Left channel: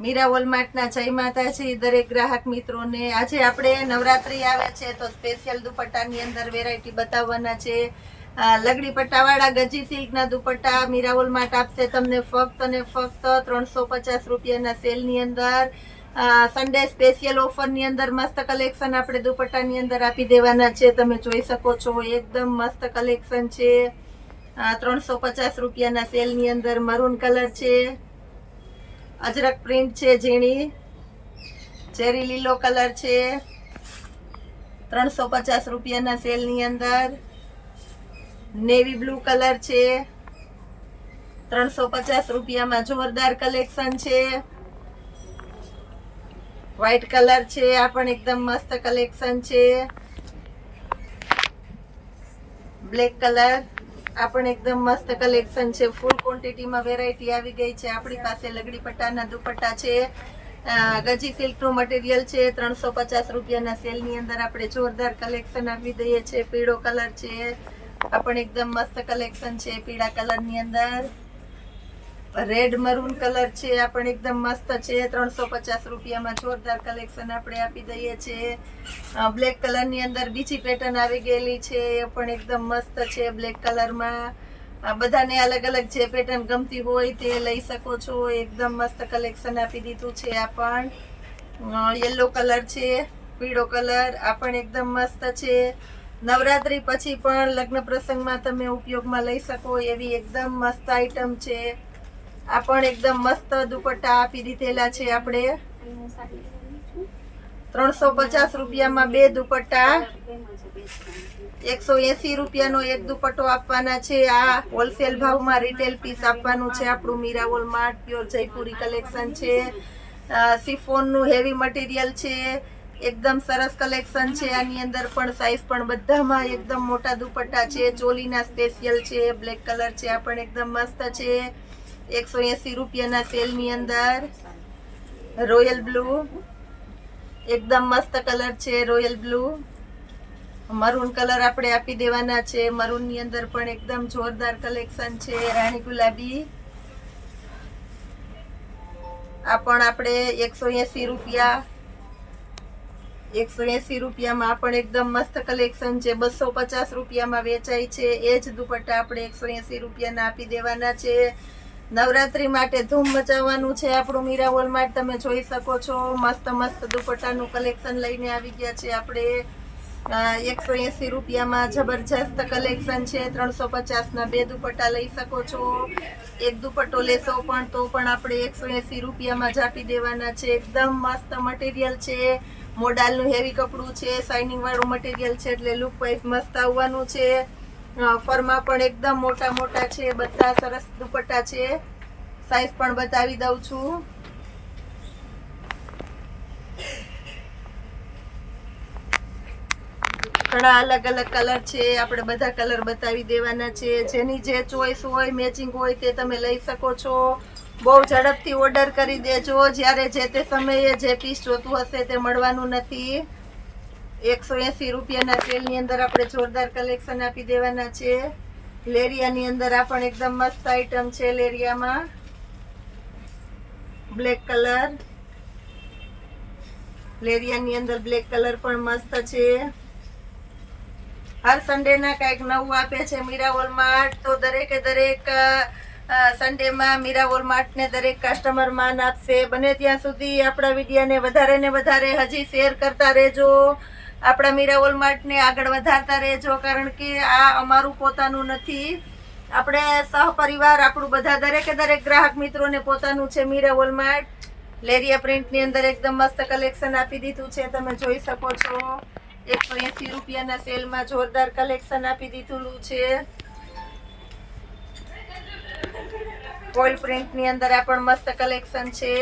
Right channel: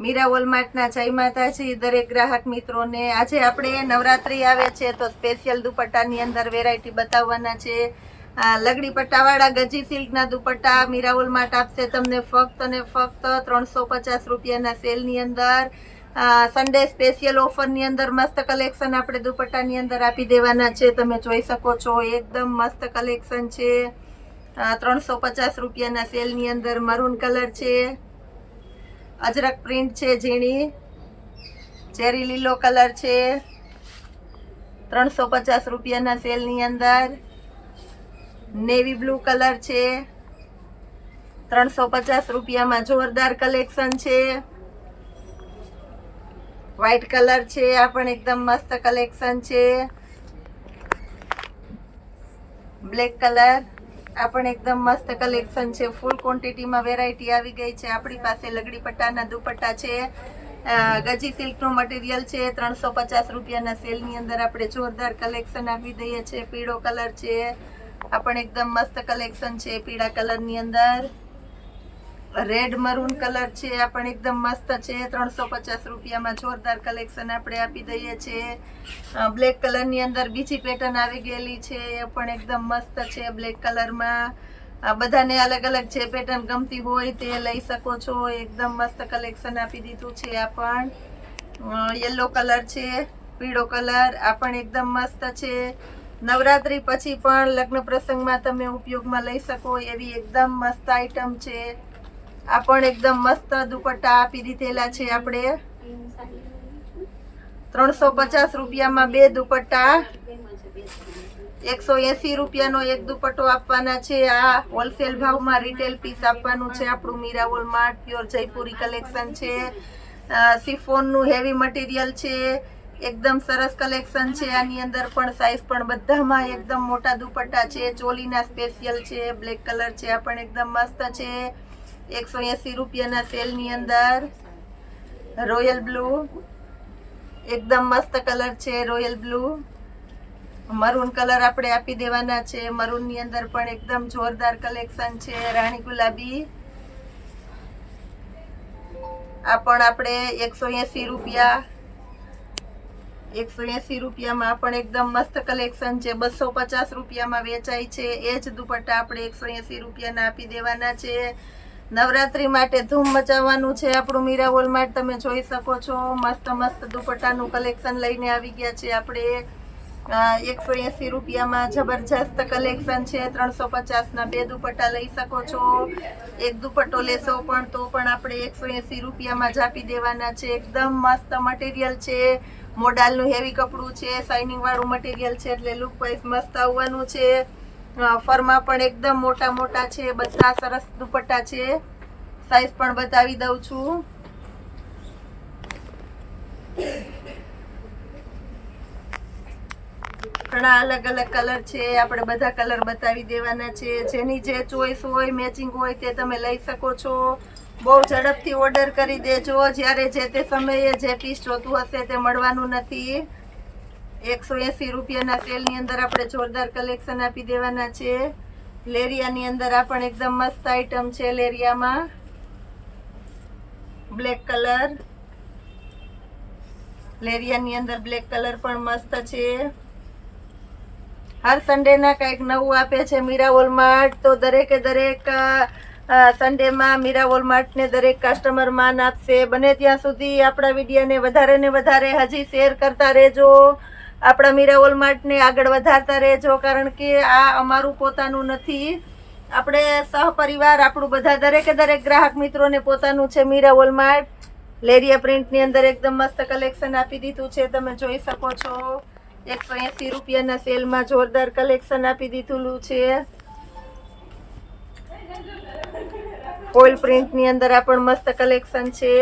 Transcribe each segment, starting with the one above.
મીરા વોલમાર્ટના જય માતાજી દરેક ગ્રાહક મિત્રોને। આજે આપણે નવરાત્રી આવે છે તો સ્પેશિયલ દુપટ્ટાની અંદર વેરાયટી બતાવવાના છે। લગડી પટ્ટાવાળા ગજી સિલ્કના દુપટ્ટા મીરા વોલમાર્ટ આપશે તમને ફક્ત અને ફક્ત 350 રૂપિયાના સેલની અંદર। સન્ડે સ્પેશિયલ ઓફરની અંદર મસ્ત કલેક્શન આપણે દુપટ્ટાની અંદર આપી દેવાના છે। તમે જોઈ શકો છો એકદમ મસ્ત કલેક્શન છે। 350 રૂપિયાના સેલની અંદર મરૂન કલર છે, અજરક પ્રિન્ટ છે, ઝીણી ચેરી લીલો કલર છે, 350 રૂપિયાના સેલની અંદર। નેવી બ્લુ કલર છે, 350 રૂપિયામાં જોરદાર કલેક્શન છે। વ્હાઈટ કલર છે, આ પણ એકદમ મસ્ત કલેક્શન છે। બ્લેક કલર, આ પણ એકદમ મસ્ત કલેક્શન છે। ફૂલ ક્વોન્ટિટીમાં વેરાયટી આવી ગઈ છે આપણી પાસે। લગડી પટ્ટાના દુપટ્ટા છે, ગજી સિલ્કનું મટીરિયલ છે। 350 રૂપિયાના સેલની અંદર આપણે જોરદાર કલેક્શન આપી દઈએ છીએ। પીળો કલર છે, આ પણ એકદમ મસ્ત કલેક્શન છે પીળા કલરની અંદર। રેડ મરૂન કલર છે, આ પણ એકદમ મસ્ત છે। 350 રૂપિયામાં જોરદાર કલેક્શન આપણે આપી દઈએ છીએ। બ્લેક કલરની અંદર બીજી પેટર્ન આવી ગયેલી છે, એ પણ એકદમ મસ્ત છે બ્લેક કલરમાં। બધાને અલગ અલગ જે પેટર્ન ગમતી હોય તે લઈ શકો છો। એકદમ મસ્ત કલેક્શન આપી દીધું છે। આ પણ યલો કલર છે, પીળો કલર, આ પણ એકદમ મસ્ત છે। નવરાત્રી પછી પણ લગ્ન પ્રસંગમાં તમે ઉપયોગમાં લઈ શકો એવી એકદમ મસ્ત આઈટમ છે। આ પણ એકદમ મસ્ત દુપટ્ટા આપી દીધેલા છે આપણે। 350 રૂપિયામાં બે દુપટ્ટા, 180 રૂપિયાનો એક દુપટ્ટો આપવાના છે। આ હોલસેલ ભાવમાં રિટેલ પીસ આપવાનું છે આપણું Meera Walmart. Pure Jaipuri collection છે, સિફોનનું હેવી મટીરિયલ છે, એકદમ સરસ કલેક્શન છે। આની અંદર પણ સાઈઝ પણ બધામાં એકદમ મોટા દુપટ્ટા છે। ચોલીના સ્પેશિયલ છે, બ્લેક કલર છે, આ પણ એકદમ મસ્ત છે। 180 રૂપિયાના સેલની અંદર। રોયલ બ્લુ, એકદમ મસ્ત કલર છે રોયલ બ્લુ। મરૂન કલર આપણે આપી દેવાના છે। મરૂનની અંદર પણ એકદમ જોરદાર કલેક્શન છે। રાણી ગુલાબી, આ પણ આપણે 180 રૂપિયા, 180 રૂપિયામાં આ પણ એકદમ મસ્ત કલેક્શન છે। 250 રૂપિયામાં વેચાય છે એ જ દુપટ્ટા આપણે 180 રૂપિયાના આપી દેવાના છે। નવરાત્રી માટે ધૂમ મચાવવાનું છે આપણું મીરા વોલમાર્ટ। તમે જોઈ શકો છો મસ્ત મસ્ત દુપટ્ટાનું કલેક્શન લઈને આવી ગયા છે આપણે। 180 રૂપિયામાં જબરજસ્ત કલેક્શન છે। 350ના બે દુપટ્ટા લઈ શકો છો। એક દુપટ્ટો લેશો પણ તો પણ આપણે 180 રૂપિયામાં જ આપી દેવાના છે। એકદમ મસ્ત મટીરિયલ છે, મોડાલનું હેવી કપડું છે, શાઇનિંગ વાળું મટીરિયલ છે એટલે લુક વાઇઝ મસ્ત આવવાનું છે। ફરમાં પણ એકદમ મોટા મોટા છે, બધા સરસ દુપટ્ટા છે। સાઈઝ પણ બતાવી દઉં છું। ઘણા અલગ અલગ કલર છે, આપણે બધા કલર બતાવી દેવાના છે। જેની જે ચોઈસ હોય, મેચિંગ હોય તે તમે લઈ શકો છો। બહુ ઝડપથી ઓર્ડર કરી દેજો, જ્યારે જે તે સમયે જે પીસ જોતું હશે તે મળવાનું નથી। 180 રૂપિયાના સેલની અંદર આપણે જોરદાર કલેક્શન આપી દેવાના છે। લેરિયાની અંદર આ પણ એકદમ મસ્ત આઈટમ છે। લેરિયામાં બ્લેક કલર, લેરિયાની અંદર બ્લેક કલર પણ મસ્ત છે। હર સન્ડેના કંઈક નવું આપે છે મીરા વોલમાર્ટ, તો દરેકે દરેક સન્ડેમાં મીરા વોલમાર્ટને દરેક કસ્ટમર માન આપશે। બને ત્યાં સુધી આપણા વિડીયોને વધારે ને વધારે હજી શેર કરતા રહેજો। આપણા મીરા વોલમાર્ટને આગળ વધારતા રહેજો, કારણ કે આ અમારું પોતાનું નથી, આપણે સહપરિવાર આપણું બધા દરેકે દરેક ગ્રાહક મિત્રોને પોતાનું છે મીરા વોલમાર્ટ। લેરિયા પ્રિન્ટની અંદર એકદમ મસ્ત કલેક્શન આપી દીધું છે, તમે જોઈ શકો છો। 180 રૂપિયાના સેલમાં જોરદાર કલેક્શન આપી દીધું છે। ફોઇલ પ્રિન્ટની અંદર આ પણ મસ્ત કલેક્શન છે।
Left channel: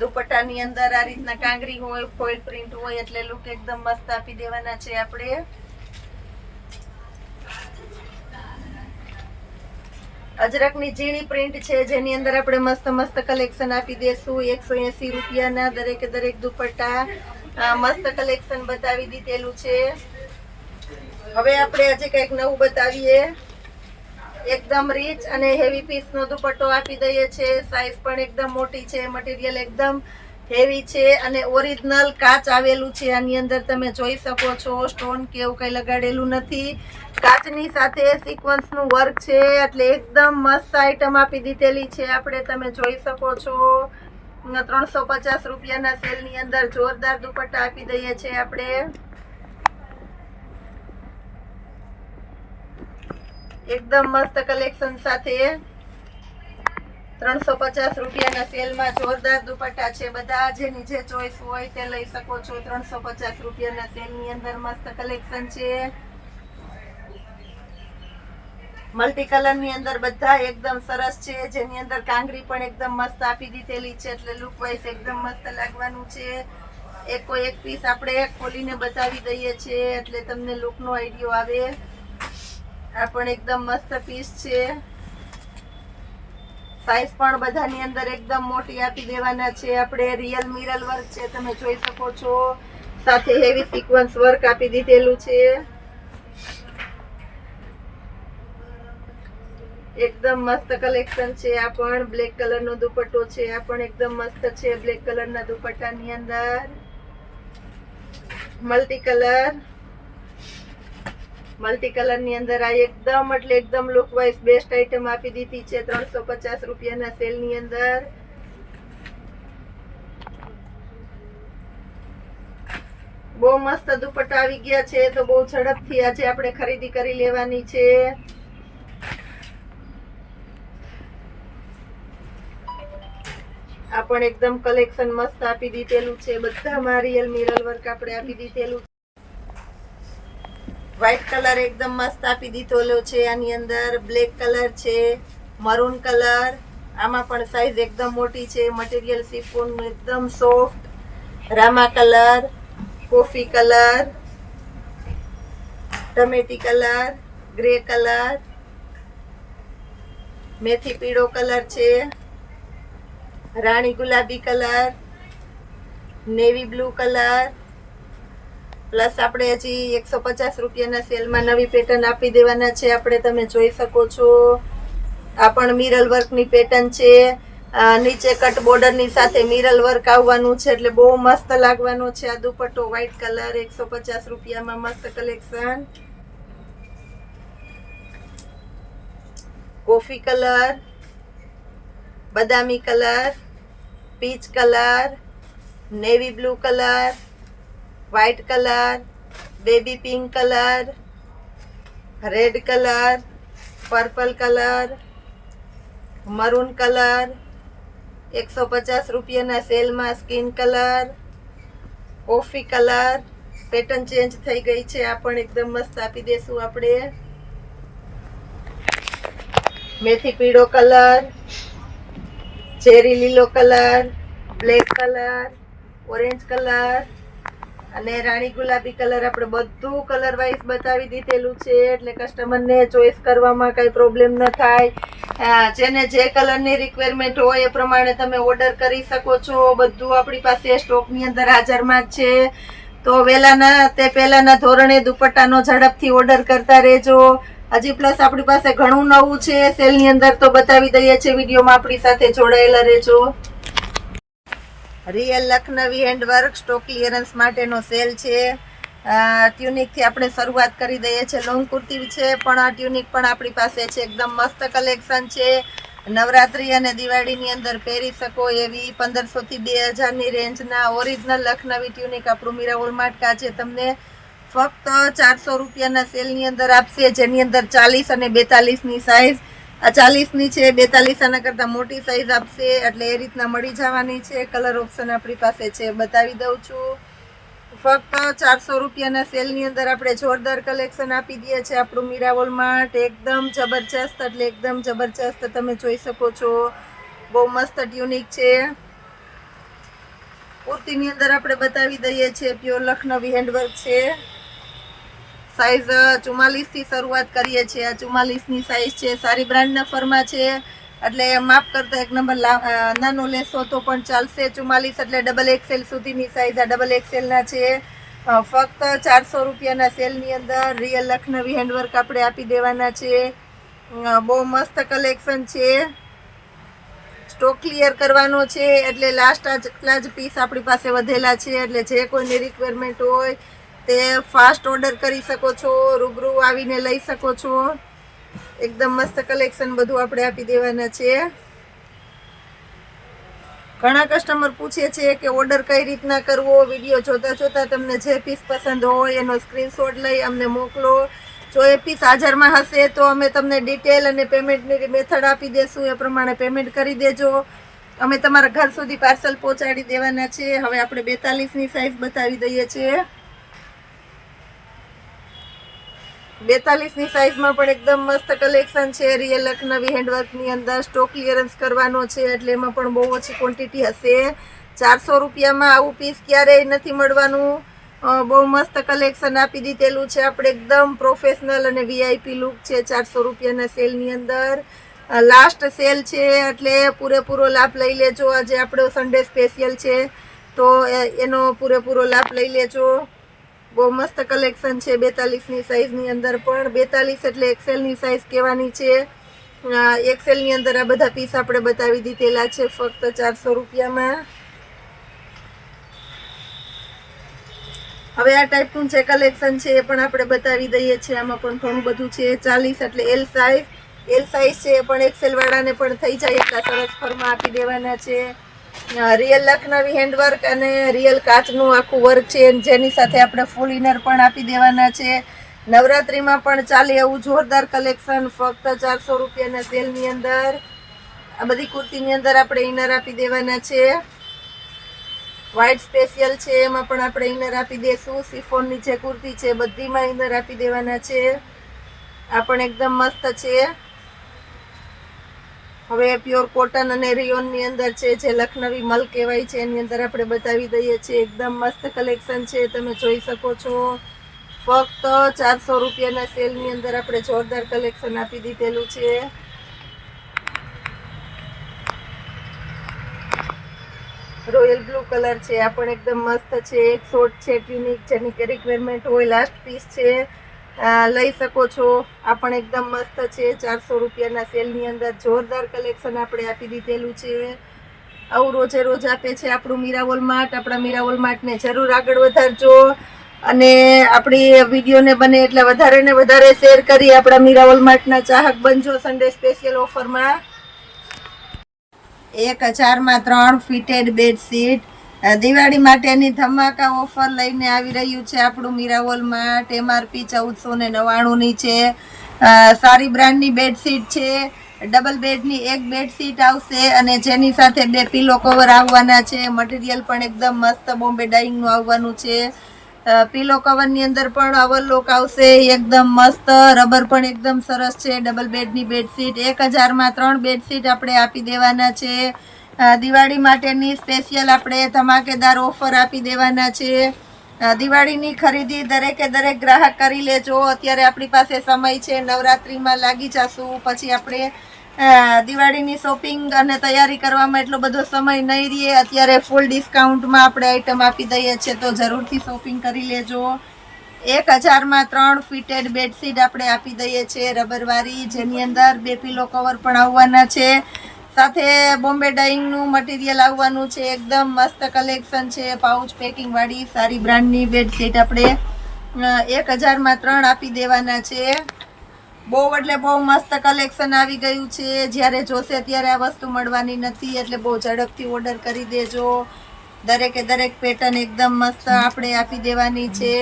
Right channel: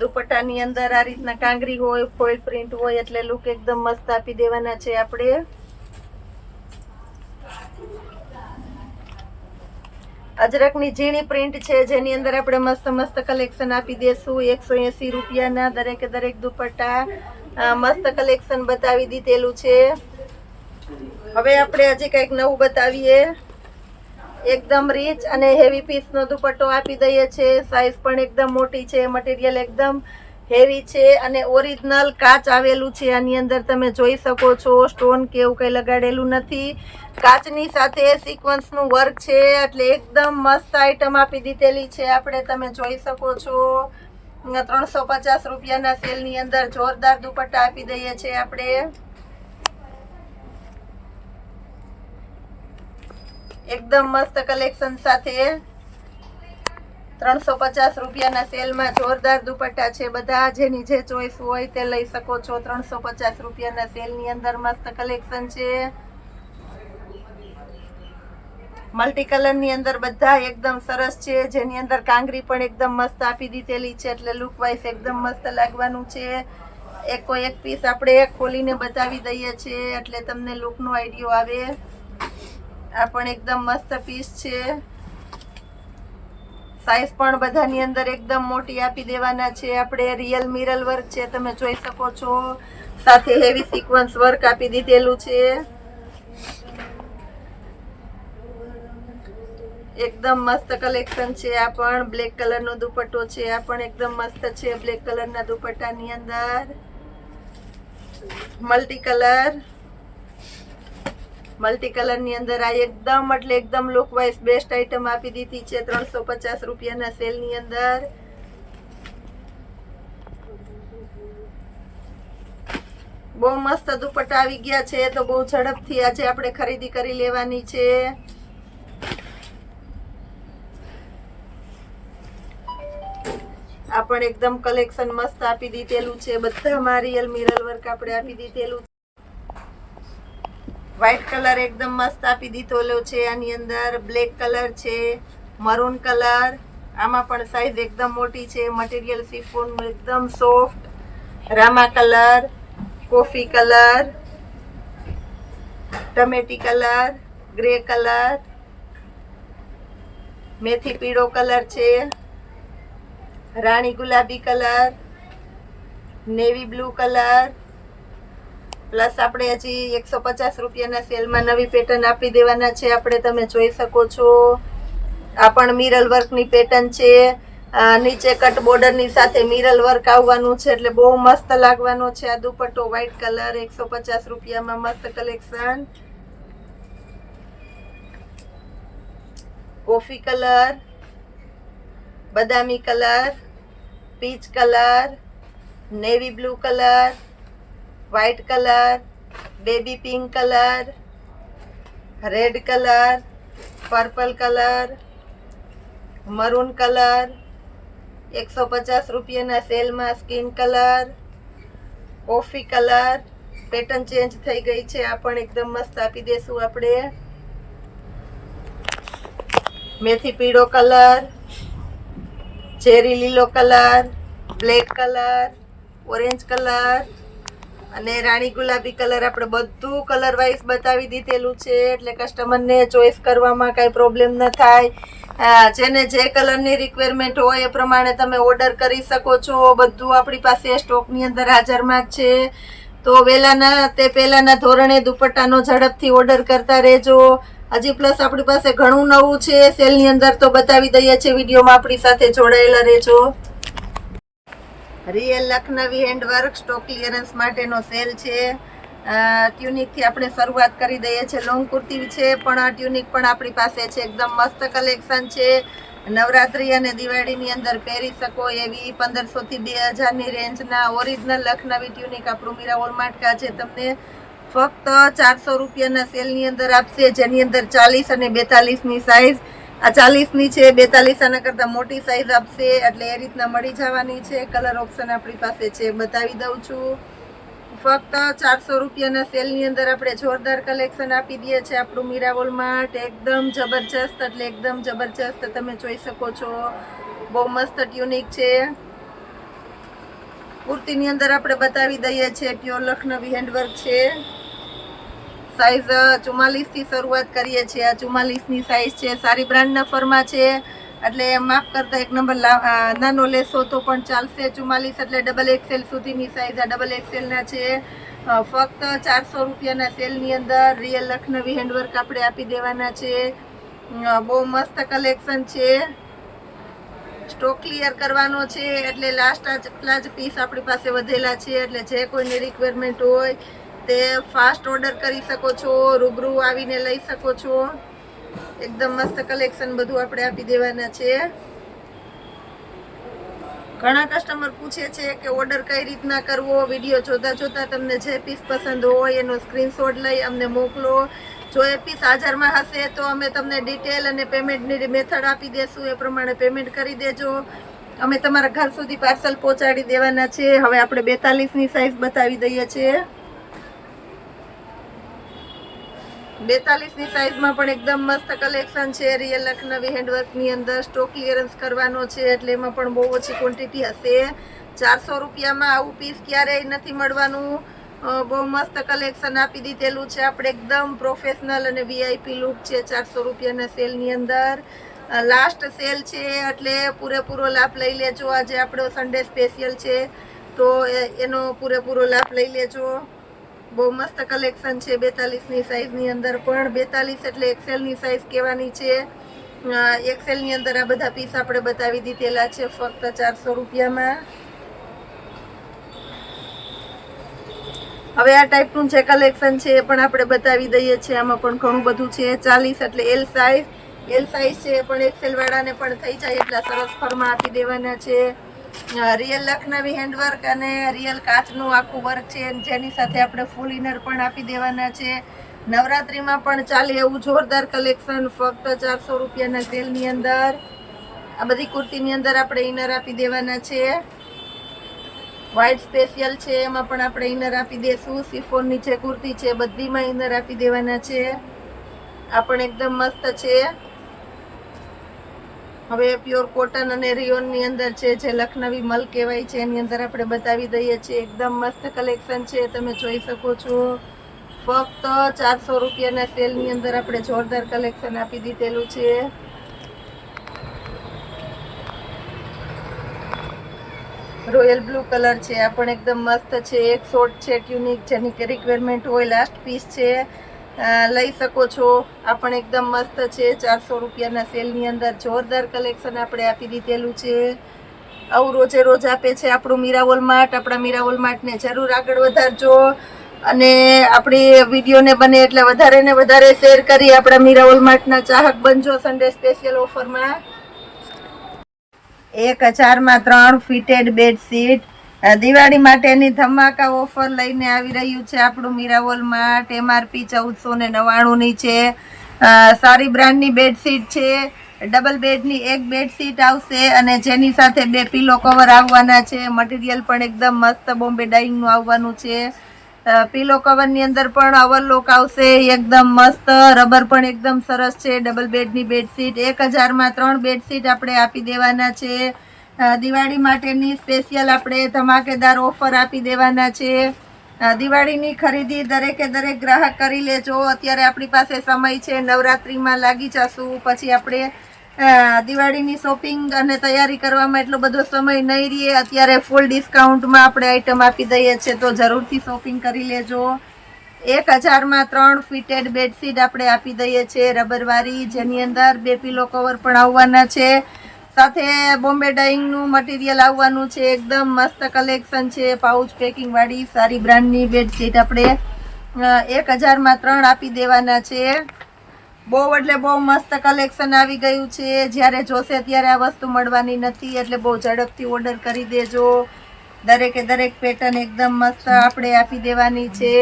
દુપટ્ટાની અંદર આ રીતના કાંગરી હોય, ફોઇલ પ્રિન્ટ હોય એટલે લુક એકદમ મસ્ત આપી દેવાના છે આપણે। અજરકની ઝીણી પ્રિન્ટ છે, જેની અંદર આપણે મસ્ત મસ્ત કલેક્શન આપી દેશું। 180 રૂપિયાના દરેકે દરેક દુપટ્ટા મસ્ત કલેક્શન બતાવી દીધેલું છે। હવે આપણે હજી કંઈક નવું બતાવીએ। એકદમ રીચ અને હેવી પીસનો દુપટ્ટો આપી દઈએ છે. સાઈઝ પણ એકદમ મોટી છે, મટીરિયલ એકદમ હેવી છે અને ઓરિજિનલ કાચ આવેલું છે. આની અંદર તમે જોઈ શકો છો, સ્ટોન કે એવું કંઈ લગાડેલું નથી. કાચની સાથે સિક્વન્સનું વર્ક છે, એટલે એકદમ મસ્ત આઈટમ આપી દીધેલી છે આપણે. તમે જોઈ શકો છો 350 રૂપિયાના સેલની અંદર જોરદાર દુપટ્ટા આપી દઈએ છીએ આપણે. એકદમ મસ્ત કલેક્શન સાથે 350 રૂપિયાના સેલમાં જોરદાર દુપટ્ટા છે. બધા જેની જે ચોઈસ હોય તે લઈ શકો છો. 350 રૂપિયાના સેલની અંદર મસ્ત કલેક્શન છે. મલ્ટી કલરની અંદર બધા એકદમ સરસ છે, જેની અંદર કાંગરી પણ એકદમ મસ્ત આપી દીધેલી છે, એટલે લુક વાઇઝ એકદમ મસ્ત લાગવાનું છે. એકો એક પીસ આપણે ખોલીને બતાવી દઈએ છીએ, એટલે તમને લુકનો આઈડિયો આવે. આ પણ એકદમ મસ્ત પીસ છે. સાઈઝ પણ બધાની અંદર એકદમ મોટી આપી દેવાના છે આપણે. રિયલ મિરર વર્ક છે, તમે જોઈ શકો છો. સાથે હેવી સિક્વન્સ વર્ક આપી દીધેલું છે. એકદમ મસ્ત કલેક્શન છે. આ પણ બ્લેક કલરનો દુપટ્ટો છે. આ પણ એકદમ મસ્ત છે. બ્લેક કલરના દુપટ્ટાની અંદર મલ્ટી કલરની અંદર આ એકદમ એટલે એકદમ લુક વાઇઝ બેસ્ટ આઈટમ આપી દીધી છે 350 રૂપિયાના સેલની અંદર. બહુ મસ્ત દુપટ્ટા આવી ગયા છે, તો બહુ ઝડપથી આજે આપણે ખરીદી કરી લેવાની છે. આ પણ એકદમ કલેક્શન મસ્ત આપી દીધેલું છે. બધામાં રિયલ મિરર વર્ક આપણે આપી દીધેલું. વ્હાઈટ કલર એકદમ મસ્ત આપી દીધેલો છે. આની અંદર બ્લેક કલર છે, મરૂન કલર. આમાં પણ સાઈઝ એકદમ મોટી છે. મટીરિયલ શિફોનનું એકદમ સોફ્ટ. રામા કલર, કોફી કલર, ટમેટી કલર, ગ્રે કલર, મેથી પીળો કલર છે, રાણી ગુલાબી colour, navy blue colour. Plus આપણે હજી 150 રૂપિયાના સેલમાં નવી પેટર્ન આપી દેવાના છે આપણે. તમે જોઈ શકો છો, આ પણ મિરર વર્કની પેટર્ન છે. નીચે કટ બોર્ડરની સાથે મિરર વર્ક આવવાનું છે, એટલે બહુ મસ્ત લાગવાનો છે આ દુપટ્ટો. વ્હાઈટ કલર 150 રૂપિયામાં મસ્ત કલેક્શન. કોફી કલર, બદામી colour, peach colour, navy blue colour, white colour, baby pink colour, red colour, purple colour, maroon colour. 150 રૂપિયાના સેલમાં skin colour, coffee colour. Pattern change થઈ ગઈ છે. આ પણ એકદમ મસ્ત આપી દેશું આપણે. મેથી પીળો કલર, ચેરી લીલો colour, black colour, orange colour અને રાણી ગુલાબી કલર. આપણે બધું કલર વાઇઝ બતાવી દીધેલું છે, એટલે કસ્ટમરને ચોઈસ કરવામાં કાંઈ પ્રોબ્લેમ ન થાય. જેને જે કલરની રિક્વાયરમેન્ટ હોય એ પ્રમાણે તમે ઓર્ડર કરી શકો છો. બધું આપણી પાસે સ્ટોકની અંદર હાજરમાં જ છે. તો પહેલાના ધોરણે દુપટ્ટાનો ઝડપથી ઓર્ડર કરતા રહેજો. હજી પ્લસ આપણી પાસે ઘણું નવું છે સેલની અંદર, તો બતાવી દઈએ છીએ. વિડીયોમાં આપણી સાથે જોડાયેલા રહેજો. Real Lucknowi handwork stock clearance માટેનો સેલ છે. ટ્યુનિકથી આપણે શરૂઆત કરી દઈએ છીએ. લોંગ કુર્તી છે, પણ આ ટ્યુનિક પણ આપણી પાસે છે. એકદમ મસ્ત કલેક્શન છે. નવરાત્રી અને દિવાળીની અંદર પહેરી શકો એવી 1500 થી 2000ની રેન્જના ઓરિજિનલ લખનવી ટ્યુનિક આપણું મીરા હોલમાર્ટ આજે તમને ફક્ત 400 રૂપિયાના સેલની અંદર આપશે, જેની અંદર 40 અને 42ની સાઈઝ. આ 40ની છે, 42 આના કરતાં મોટી સાઈઝ આપશે, એટલે એ રીતના મળી જવાની છે. કલર ઓપ્શન આપણી પાસે છે, બતાવી દઉં છું. ફક્ત 400 રૂપિયાના સેલની અંદર આપણે જોરદાર કલેક્શન આપી દઈએ છીએ આપણું મીરા હોલમાર્ટ. એકદમ જબરજસ્ત, એટલે એકદમ જબરજસ્ત. તમે જોઈ શકો છો, બહુ મસ્ત ટ્યુનિક છે. કુર્તીની અંદર આપણે બતાવી દઈએ છીએ, પ્યોર લખનવી હેન્ડવર્ક છે. સાઈઝ 44 થી શરૂઆત કરીએ છીએ. આ 44ની સાઈઝ છે. સારી બ્રાન્ડના ફરમાં છે, એટલે માફ કરતા એક નંબર નાનો લેશો તો પણ ચાલશે. 44 એટલે ડબલ એક્સેલ સુધીની સાઈઝ આ ડબલ એક્સેલના છે. ફક્ત 400 રૂપિયાના સેલની અંદર રિયલ લખનવી હેન્ડવર્ક આપણે આપી દેવાના છે. બહુ મસ્ત કલેક્શન છે. સ્ટોક ક્લિયર કરવાનો છે એટલે લાસ્ટ આટલા જ પીસ આપણી પાસે વધેલા છે. એટલે જે કોઈની રિક્વાયરમેન્ટ હોય તે ફાસ્ટ ઓર્ડર કરી શકો છો, રૂબરૂ આવીને લઈ શકો છો. એકદમ મસ્ત કલેક્શન બધું આપણે આપી દેવાના છે. ઘણા કસ્ટમર પૂછે છે કે ઓર્ડર કઈ રીતના કરવો. વિડીયો જોતા જોતા તમને જે પીસ પસંદ હોય એનો સ્ક્રીનશોટ લઈ અમને મોકલો. જો એ પીસ હાજરમાં હશે તો અમે તમને ડિટેલ અને પેમેન્ટની મેથડ આપી દેશું. એ પ્રમાણે પેમેન્ટ કરી દેજો. અમે તમારા ઘર સુધી પાર્સલ પહોંચાડી દેવાના છે. હવે આપણે 42ની સાઇઝ બતાવી દઈએ છીએ. 42ની સાઇઝમાં પણ એકદમ મસ્ત કલેક્શન છે. રિયલ લખનવી હેન્ડવર્કની અંદર સ્ટોક ક્લિયરન્સ કરવાનો છે એટલે એમાં પણ બહુ ઓછી ક્વોન્ટિટી હશે. 400 રૂપિયામાં આવું પીસ ક્યારેય નથી મળવાનું. બહુ મસ્ત કલેક્શન આપી દીધેલું છે આપણે. એકદમ પ્રોફેશનલ અને વીઆઈપી લુક છે 400 રૂપિયાના સેલની અંદર. લાસ્ટ સેલ છે એટલે પૂરેપૂરો લાભ લઈ લેજો. આજે આપણો સન્ડે સ્પેશિયલ છે તો એનો પૂરેપૂરો લાભ લઈ લેજો. બહુ મસ્ત કલેક્શન છે 42ની સાઇઝની અંદર પણ. 42 એટલે એક્સેલની સાઇઝ કહેવાની છે. એક્સેલની અંદર આ બધા પીસ આપણે બતાવી દીધેલા છે ફક્ત 400 રૂપિયામાં. હવે આ ટાઈપનું જે કલેક્શન છે એ પણ આપણે બતાવી દઈએ છીએ. આમાં પણ ઘણું બધું છે. 40 એટલે એલ સાઇઝ છે પણ એક્સેલ વાળાને પણ થઈ જાય એટલા સરસ ફરમાં આપી દેવાના છે. રિયલ લખનવી હેન્ડવર્ક અને રિયલ કાચનું આખું વર્ક છે જેની સાથે આપણે ફૂલ ઇનર પણ આપી દેવાના છે. નવરાત્રિમાં પણ ચાલે એવું જોરદાર કલેક્શન ફક્ત 400 રૂપિયાના સેલની અંદર. આ બધી કુર્તીની અંદર આપણે ઇનર આપી દેવાના છે. વ્હાઇટ સ્પેશિયલ છે એમાં પણ આપણે ઇનર આપી દેશું. સિફોનની જે કુર્તી છે બધીમાં ઇનર આપી દેવાના છે. આ પણ એકદમ મસ્ત છે. હવે પ્યોર કોટન અને રિયોનની અંદર છે જે લખનવી મલ કહેવાય છે એની અંદર આપણે બતાવી દઈએ છીએ. એકદમ મસ્ત કલેક્શન છે તમે જોઈ શકો છો. ફક્ત 400 રૂપિયાના સેલની અંદર આપણે જોરદાર કલેક્શન આપી દીધેલું છે. રોયલ બ્લુ કલર છે. આ પણ એકદમ મસ્ત છે. એક શોર્ટ છે ટ્યુનિક જેની કે રિક્વાયરમેન્ટ હોય લાસ્ટ પીસ છે લઈ શકો છો. આ પણ એકદમ મસ્ત છે 400 રૂપિયાના સેલની અંદર જોરદાર કલેક્શન આપણે આપી દીધેલું છે. આવું રોજે રોજ આપે છે આપણું મીરાવોલ માર્ટ. આપણા મીરાવોલ માર્ટને જરૂર આગળ વધારજો અને આપણી વિડીયોને બને એટલે વધારે ને વધારે શેર કરી આપણા મીરાવોલ માર્ટના ચાહક બનજો. સન્ડે સ્પેશિયલ ઓફરમાં 1000માં 3 ફિટેડ બેડશીટ. દિવાળી માટેની ધમાકા ઓફર લઈને આવી રહ્યું છે આપણું મીરાવોલ માર્ટ. MRP 1499ની છે. સારી બ્રાન્ડની બેડશીટ છે. ડબલ બેડની એક બેડશીટ આવશે અને જેની સાથે 2 પિલો કવર આવવાના છે. મટીરિયલ પણ એકદમ મસ્ત બોમ્બે ડાઇંગનું આવવાનું છે. પિલો કવરની અંદર પણ ઓવરલોક આવશે એકદમ મસ્ત. રબર પણ એકદમ સરસ છે. ડબલ બેડની બેડશીટ 1000માં 3 બેડશીટ આપણે આપી દેવાના છે. દિવાળી માટેની સ્પેશિયલ આપણે ધમાકેદાર ઓફર આપી દેવાના છે. દિવાળીની ખરીદી દરેકે દરેક ગ્રાહક કરી લેજો. અત્યારે આપણી પાસે સમય છે. નવરાત્રિમાં લાગી જશું પછી આપણે દિવાળીની શોપિંગ અને તૈયારી કરવામાં એટલો બધો સમય નહીં રહે. અત્યારે ફૂલ ડિસ્કાઉન્ટમાં આપણે આઈટમ આપી દઈએ છીએ તો જરૂરથી શોપિંગ કરી લેજો. 1000માં 3 ફિટેડ બેડશીટ આપણે આપી દઈએ છીએ રબરવાળી જેની અંદર 2 પિલો કવર પણ આવવાના છે. સાથે બોમ્બે ડાઇંગનું મટીરિયલ આવવાનું છે. એકદમ મસ્ત કલેક્શન છે. પાઉચ પેકિંગ વાળી સારી બ્રાન્ડની બેડશીટ આપણે 1000માં 3 આપી દેવાના છે. બહુ એટલે બહુ મસ્ત કલેક્શન આવી ગયું છે. જ્યારે જોશે ત્યારે આ વસ્તુ મળવાની નથી એટલે બહુ ઝડપથી ઓર્ડર કરી દેજો. દરેકે દરેક પેટર્ન એકદમ મસ્ત આપણે આપી દેવાની છે.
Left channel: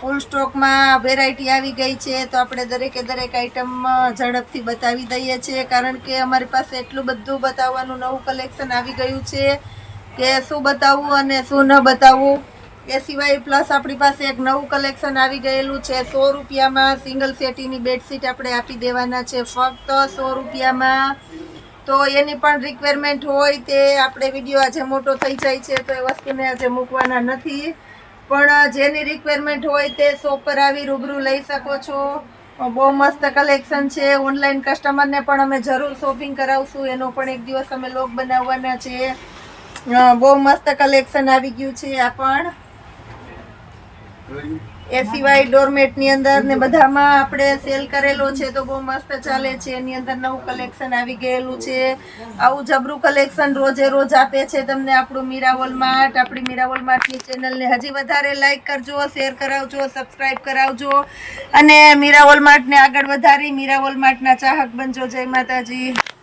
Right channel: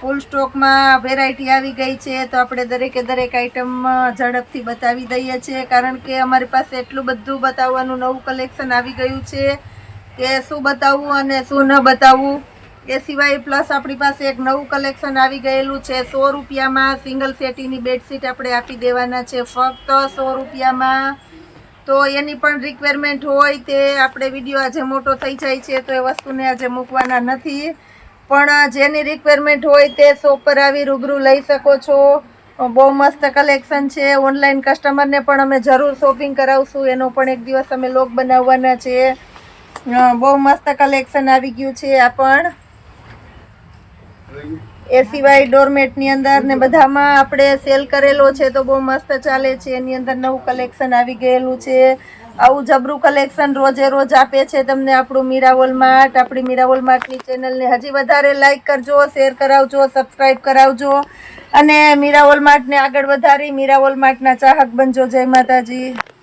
ફૂલ સ્ટોકમાં વેરાયટી આવી ગઈ છે તો આપણે દરેકે દરેક આઈટમ ઝડપથી બતાવી દઈએ છીએ કારણ કે અમારી પાસે એટલું બધું બતાવવાનું નવું કલેક્શન આવી ગયું છે કે શું બતાવવું અને શું ન બતાવવું. એ સિવાય પ્લસ આપણી પાસે એક નવું કલેક્શન આવી ગયેલું છે. 100 રૂપિયામાં સિંગલ સેટીની બેડશીટ આપણે આપી દેવાના છે ફક્ત 100 રૂપિયામાં. તો એની પણ રિક્વાયરમેન્ટ હોય તે આપણે વિડીયો આજે મોટો થઈ જાય છે તો એ વસ્તુને આજે મૂકવાના નથી. પણ જેની રિક્વાયરમેન્ટ હોય તે શોપ પર આવી રૂબરૂ લઈ શકો છો. બહુ મસ્ત કલેક્શન છે. ઓનલાઈન કસ્ટમરને પણ અમે જરૂર શોપિંગ કરાવશું. એનો પણ એક દિવસ અમે લોગ બનાવવાના છે. બહુ મસ્ત કલેક્શન આવી ગયું છે. આ પણ એ સિવાય ડોરમેટની અંદર ને બધામાં આપણે સેલ કરેલો છે તો બહુ મસ્ત ચાલે છે. એની અંદર નવું કલેક્શન આવી ગયેલું છે. આવું જબરું કલેક્શન રોજે રોજ આપે છે તમને આપણું મીરાવોલ માર્ટ. આપણી મીરાવોલ માર્ટની ચેનલને હજી વધારે લાઈક કરજો, શેર કરાવજો, સબસ્ક્રાઈબ કરાવજો અને મીરાવોલ માર્ટને આગળ વધારી મીરાવોલ માર્ટના ચાહક બનજો. જય માતાજી.